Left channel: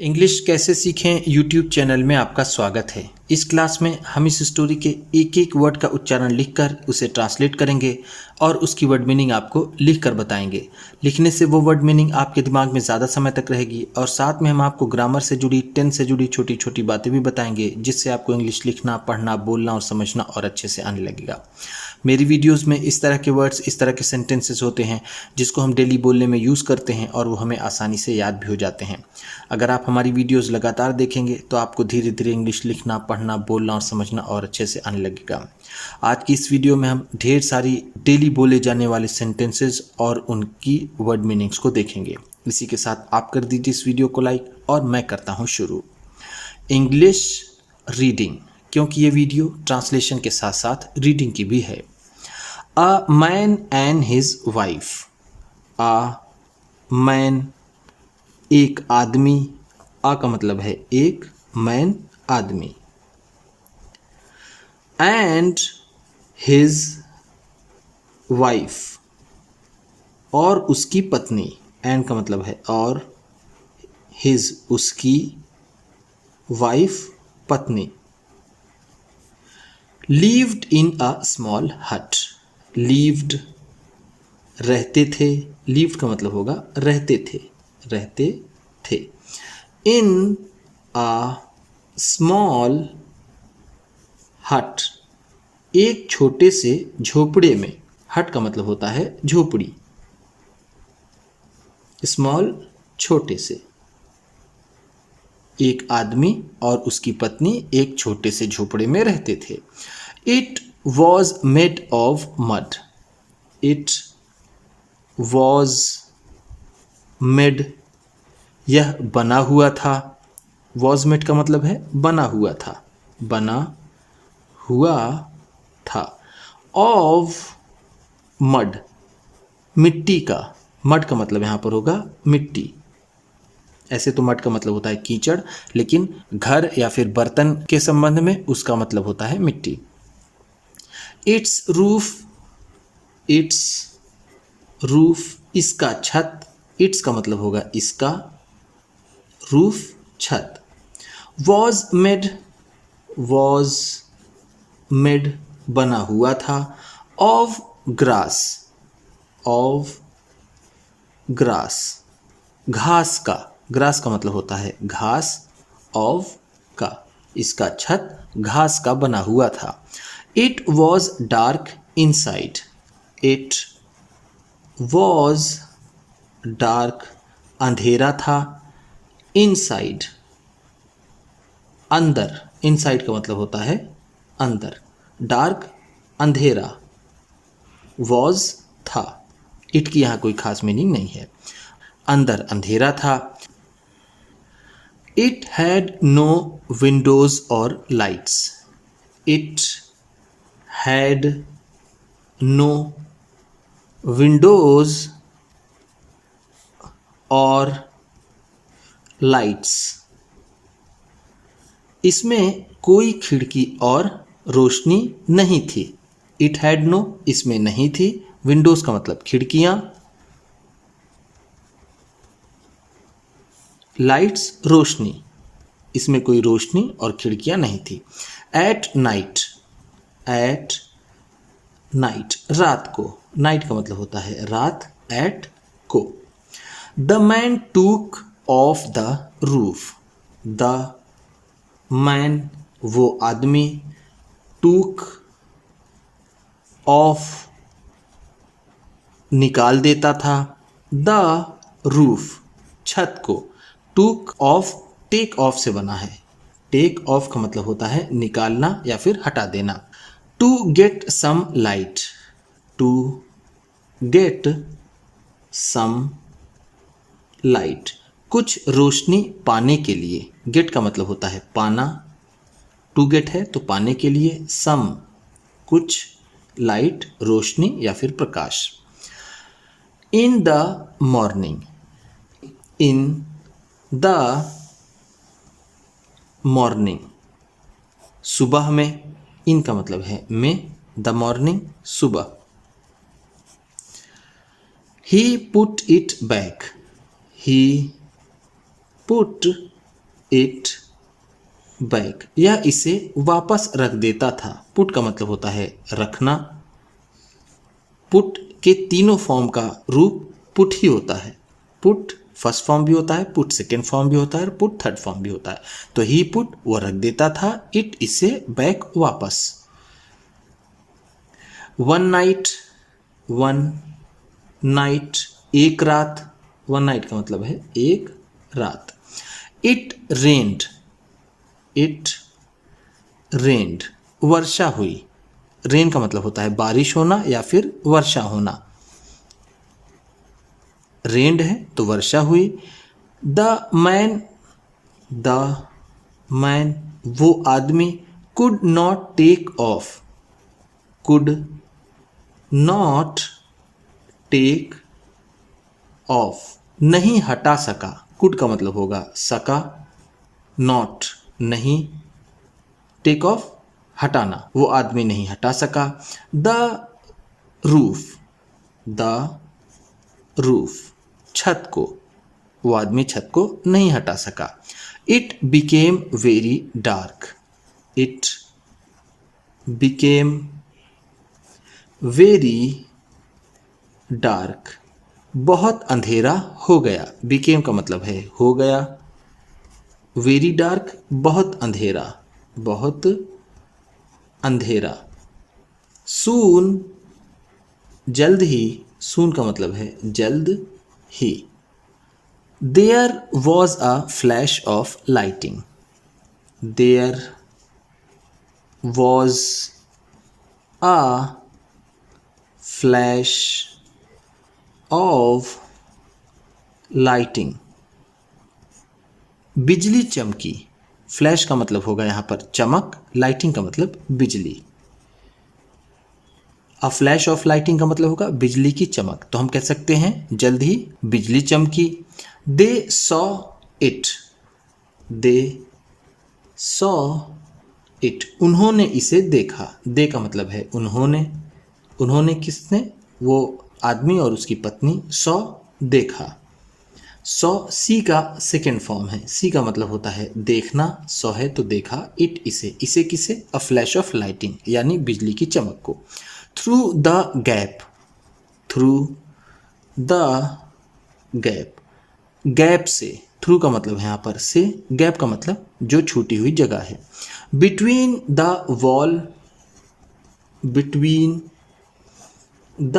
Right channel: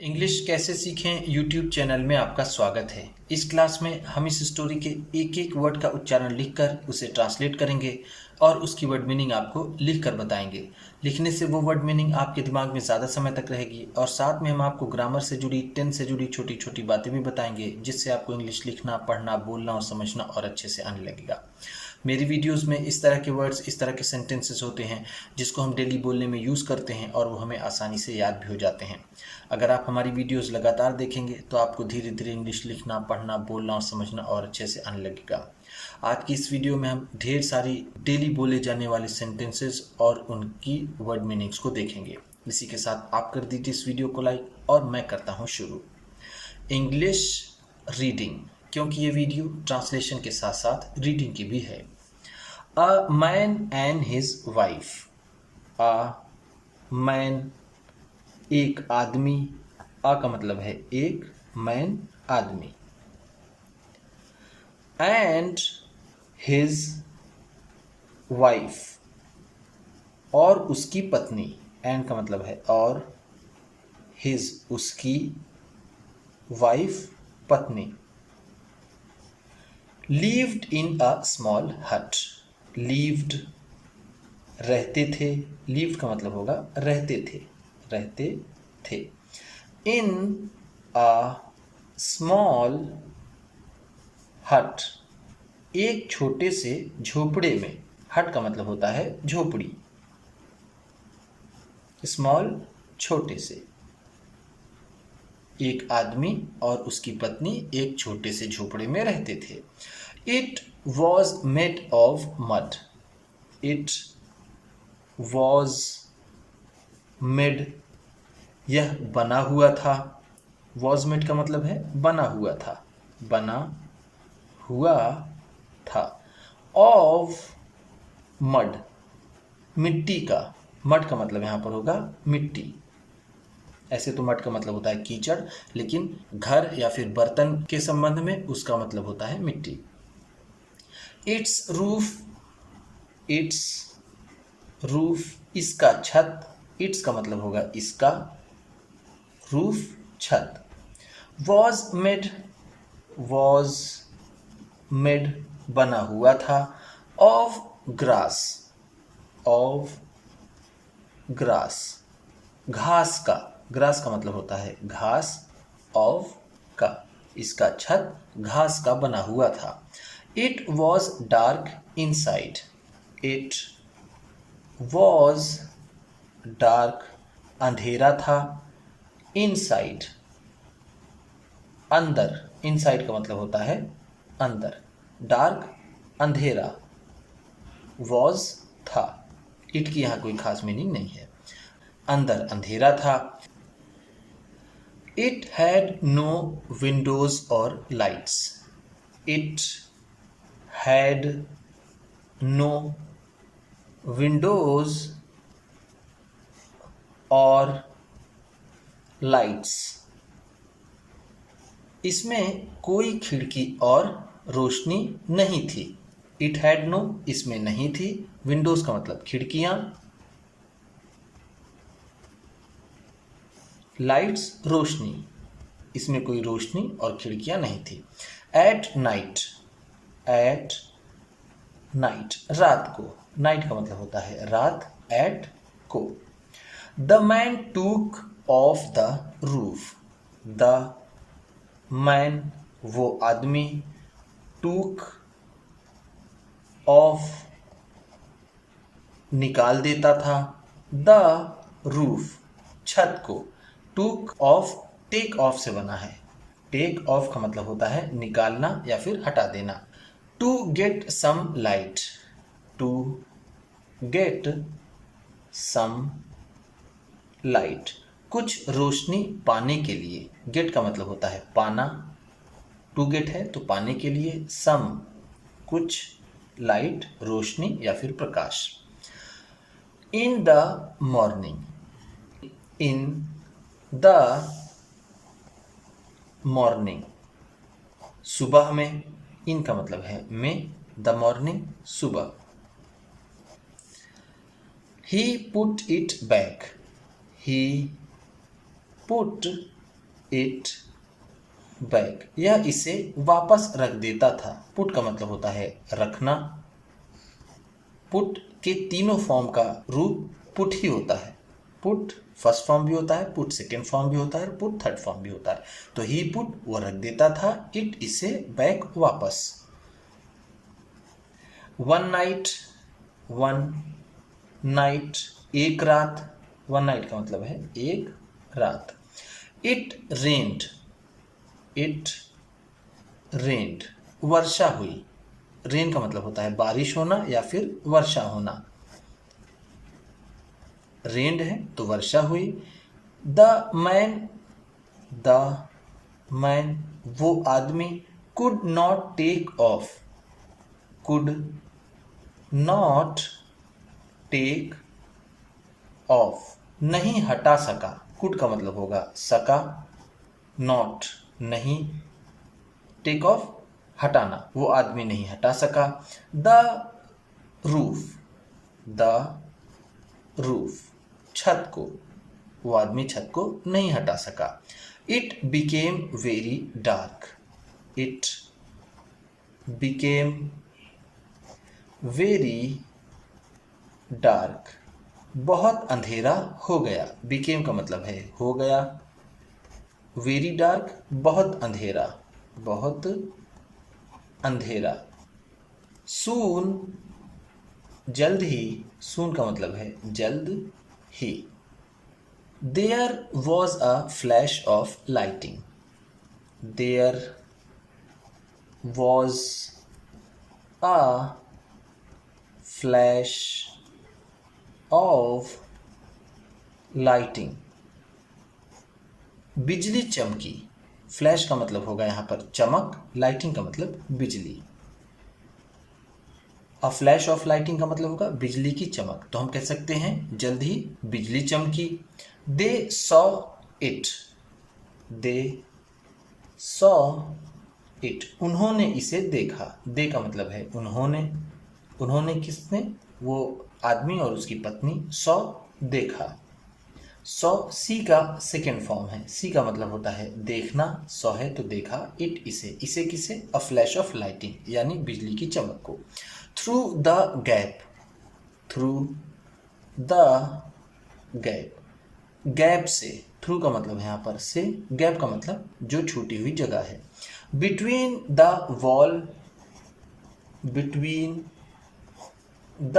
English कैसे सीखें YouTube channel में आपका स्वागत है। इस क्लास में हम इस स्टोरी के एक एक वर्ड का उच्चारण लिखकर उसे ट्रांसलेट करेंगे और उसकी वर्ड मीनिंग आपको लिख कर बताएंगे। लिखने से वो वर्ड मीनिंग आपके दिमाग में ज़्यादा समय तक रहेगी और साथ में हम आपको ग्रामर से जुड़ी टेंस से जुड़ी छोटी छोटी बातें भी बताएंगे, जिससे आपको इंग्लिश लिखना, पढ़ना, बोलना और समझना और अच्छे से आने लगेगा। मेरी वीडियोस में इस तरह के वर्ड्स, इस तरह के सेंटेंसेस होते हैं जिसको हम डेली बोलने में यूज़ करते हैं और वो हमें आसानी से याद भी हो जाते हैं। अगर आप हमारी वीडियोस लगातार देखेंगे तो आपको धीरे धीरे इंग्लिश लिखना, पढ़ना, बोलना और समझना और अच्छे से आने लगेगा। आज की इस वीडियो में हम ढेर सारी डेली बोले जाने वाले सेंटेंसेस और उनकी वर्ड मीनिंग्स को देखेंगे। इसी के साथ आप कर दीजिए इस वीडियो को लाइक और मैं करता हूँ शुरू। इंग्लिश रीडिंग, क्योंकि ये वीडियो ट्रांसलेशन के साथ साथ रीडिंग की भी है। A man and his wife. A man एक आदमी, आ का मतलब है एक, मैन आदमी, एंड हिज वाइफ और उसकी पत्नी, एंड का मतलब है और, हिज उसकी, वाइफ पत्नी, lived in a small hut। lived रहते थे, lived का मतलब होगा रहते थे, रहते थे। in a small hut एक छोटे से झोपड़े में, हट का मतलब होता है झोपड़ी, स्मॉल छोटे से। एक आदमी और उसकी पत्नी एक छोटे से झोपड़े में रहते थे। It was made of mud. It was made यह बना हुआ था। वॉज मेड का मतलब है बना हुआ था, बना हुआ था। ऑफ मड मिट्टी का, मड का मतलब यहाँ पर होगा मिट्टी। ऐसे तो मड का मतलब होता है कीचड़, लेकिन घर या फिर बर्तन के संबंध में उसका मतलब होता है मिट्टी। इट्स रूफ, इट्स रूफ इसका छत, इट्स का मतलब होगा इसका, रूफ छत। वॉज मेड, वॉज मेड बना हुआ था। ऑफ ग्रास, ऑफ ग्रास घास का, ग्रास का मतलब होता है घास, ऑफ का इसका छत घास का बना हुआ था। It was dark inside. It was dark अंधेरा था, इनसाइड अंदर, इनसाइड का मतलब होता है अंदर, डार्क अंधेरा, वॉज था, इट की यहाँ कोई खास मीनिंग नहीं है। अंदर अंधेरा था। इट हैड नो विंडोज और lights. It had no windows और लाइट्स, इसमें कोई खिड़की और रोशनी नहीं थी। इट हैड नो इसमें नहीं थी, विंडोज का मतलब खिड़कियां, लाइट्स रोशनी, इसमें कोई रोशनी और खिड़कियां नहीं थी। एट नाइट, एट नाइट रात को, नाइट का मतलब होता है रात, एट को। द मैन टूक of the roof. The man वो आदमी, टूक ऑफ निकाल देता था, द रूफ छत को। टूक ऑफ टेक ऑफ से बना है। टेक ऑफ का मतलब होता है निकालना या फिर हटा देना। To get some light, to get some light कुछ रोशनी पाने के लिए। गेट का मतलब होता है पाना, टू गेट है तो पाने के लिए, सम कुछ, लाइट रोशनी या फिर प्रकाश। In the morning, in the morning सुबह में, इन का मतलब है में, द मॉर्निंग सुबह। He put it back. He put it back, यह इसे वापस रख देता था। पुट का मतलब होता है रखना। पुट के तीनों फॉर्म का रूप पुट ही होता है। पुट फर्स्ट फॉर्म भी होता है, पुट सेकेंड फॉर्म भी होता है और पुट थर्ड फॉर्म भी होता है। तो ही पुट वो रख देता था, इट इसे बैक वापस। वन नाइट, वन नाइट एक रात, वन नाइट का मतलब है एक रात। इट रेन्ड, इट रेन्ड वर्षा हुई। रेन का मतलब होता है बारिश होना या फिर वर्षा होना। रेन्ड है तो वर्षा हुई। द मैन, द मैन वो आदमी, could not take off, could not take off नहीं हटा सका। कुड का मतलब होगा सका, नॉट नहीं, टेक ऑफ हटाना, वो आदमी नहीं हटा सका। द रूफ, द रूफ छत को, वो आदमी छत को नहीं हटा सका। It became very dark, it became very dark बहुत अंधेरा हो गया। बिकेम का मतलब है हो गया, वेरी डार्क बहुत अंधेरा, बहुत अंधेरा। सून जल्द ही, सून का मतलब है जल्द ही। There was a flash of lighting, there was a flash of lighting बिजली चमकी। फ्लैश का मतलब होगा यहाँ पर चमक, लाइटिंग का मतलब बिजली। अ फ्लैश ऑफ लाइटिंग का मतलब होगा बिजली की चमक, तो हम कह सकते हैं जल्द ही बिजली चमकी। They saw it, they saw it उन्होंने इसे देखा। दे का मतलब है उन्होंने, उन्होंने किसने, वो आदमी और उसकी पत्नी। सॉ देखा, सॉ सी का सेकेंड फॉर्म है। सी का मतलब होता है देखना, सॉ है तो देखा। इट इसे, इसे किसे, अ फ्लैश ऑफ लाइटिंग यानी बिजली की चमक को। Through the gap, through the gap gap से, थ्रू का मतलब है यहाँ पर से, गैप का मतलब जो छूटी हुई जगह है। Between the wall, between the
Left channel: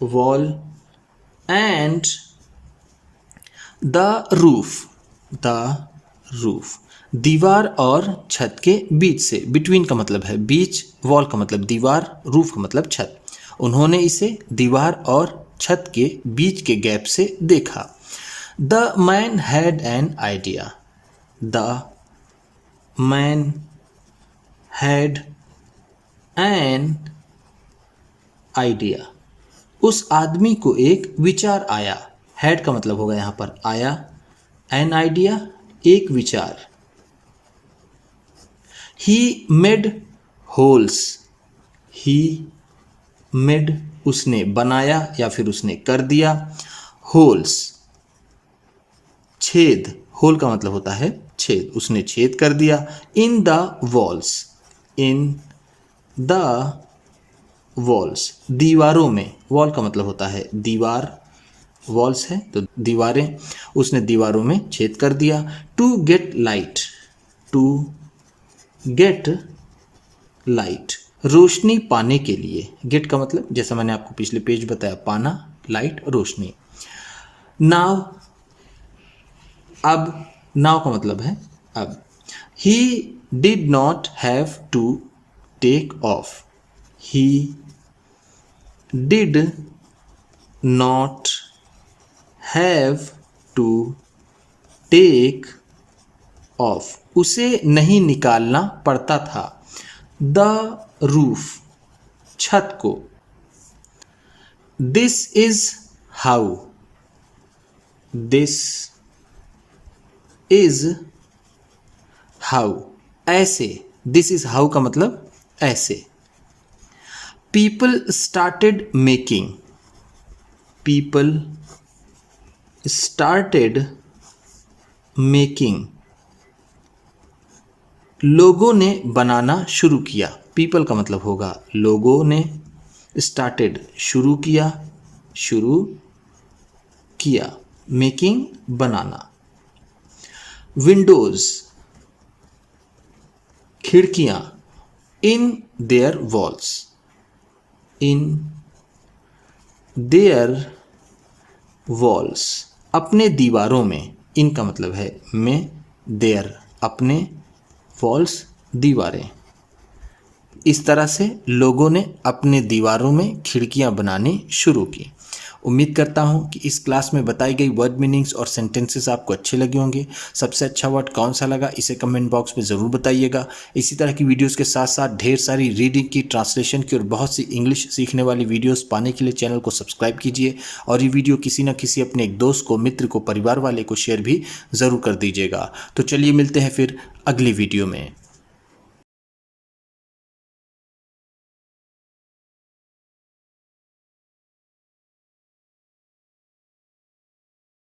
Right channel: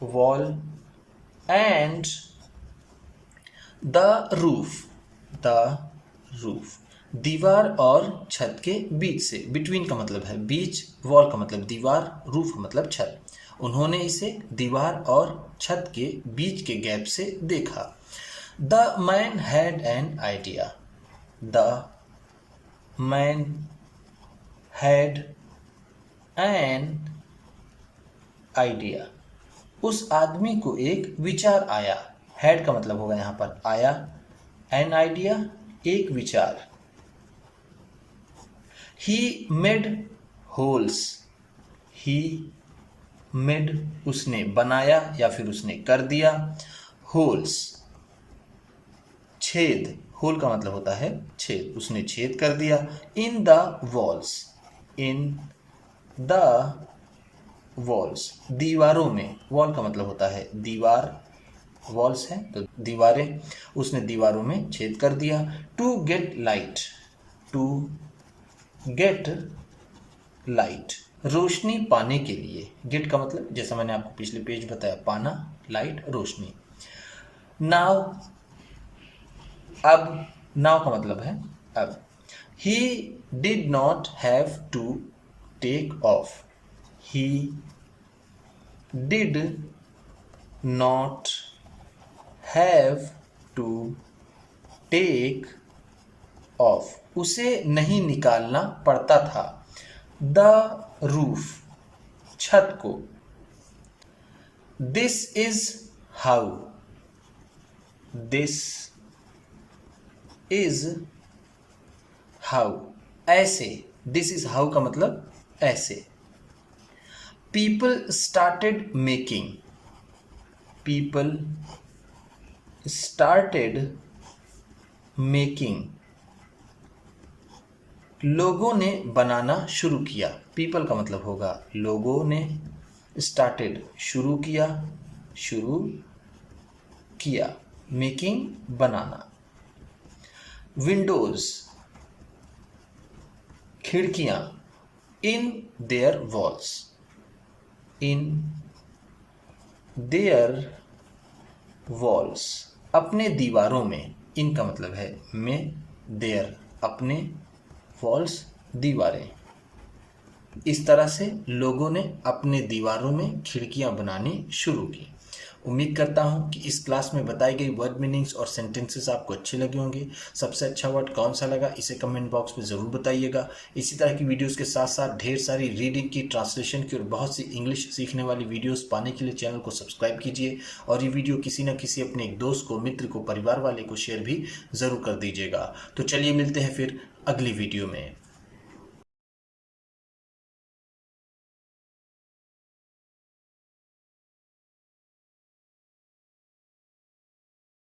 wall and the roof, the roof दीवार और छत के बीच से। बिटवीन का मतलब है बीच, वॉल का मतलब दीवार, रूफ का मतलब छत। उन्होंने इसे दीवार और छत के बीच के गैप से देखा। The man had an idea, the man had an idea उस आदमी को एक विचार आया। हैड का मतलब होगा यहाँ पर आया, एन आइडिया एक विचार। He made holes, he made उसने बनाया या फिर उसने कर दिया। होल्स छेद, होल का मतलब होता है छेद, उसने छेद कर दिया। In the walls, in the walls दीवारों में, वॉल का मतलब होता है दीवार, वॉल्स है तो दीवारें, उसने दीवारों में छेद कर दिया। To get light, to get light रोशनी पाने के लिए। गेट का मतलब जैसा मैंने आपको पिछले पेज बताया, पाना, लाइट रोशनी। नाव, अब, नाव का मतलब है अब। He did not have to take off, he did not have to take off उसे नहीं निकालना पड़ता था। द रूफ छत को। This is how, this is how ऐसे, दिस इज हाउ का मतलब ऐसे। People started making, people started making, लोगों ने बनाना शुरू किया। पीपल का मतलब होगा लोगों ने, स्टार्टेड शुरू किया, मेकिंग बनाना। विंडोज खिड़कियां, in their walls, in their walls अपने दीवारों में, इनका मतलब है में, देयर अपने, वॉल्स दीवारें। इस तरह से लोगों ने अपने दीवारों में खिड़कियां बनानी शुरू की। उम्मीद करता हूं कि इस क्लास में बताई गई वर्ड मीनिंग्स और सेंटेंसेस आपको अच्छे लगे होंगे। सबसे अच्छा वर्ड कौन सा लगा इसे कमेंट बॉक्स में ज़रूर बताइएगा। इसी तरह की वीडियोस के साथ साथ ढेर सारी रीडिंग की, ट्रांसलेशन की और बहुत सी इंग्लिश सीखने वाली वीडियोस पाने के लिए चैनल को सब्सक्राइब कीजिए और ये वीडियो किसी न किसी अपने एक दोस्त को, मित्र को, परिवार वाले को शेयर भी ज़रूर कर दीजिएगा। तो चलिए मिलते हैं फिर अगली वीडियो में।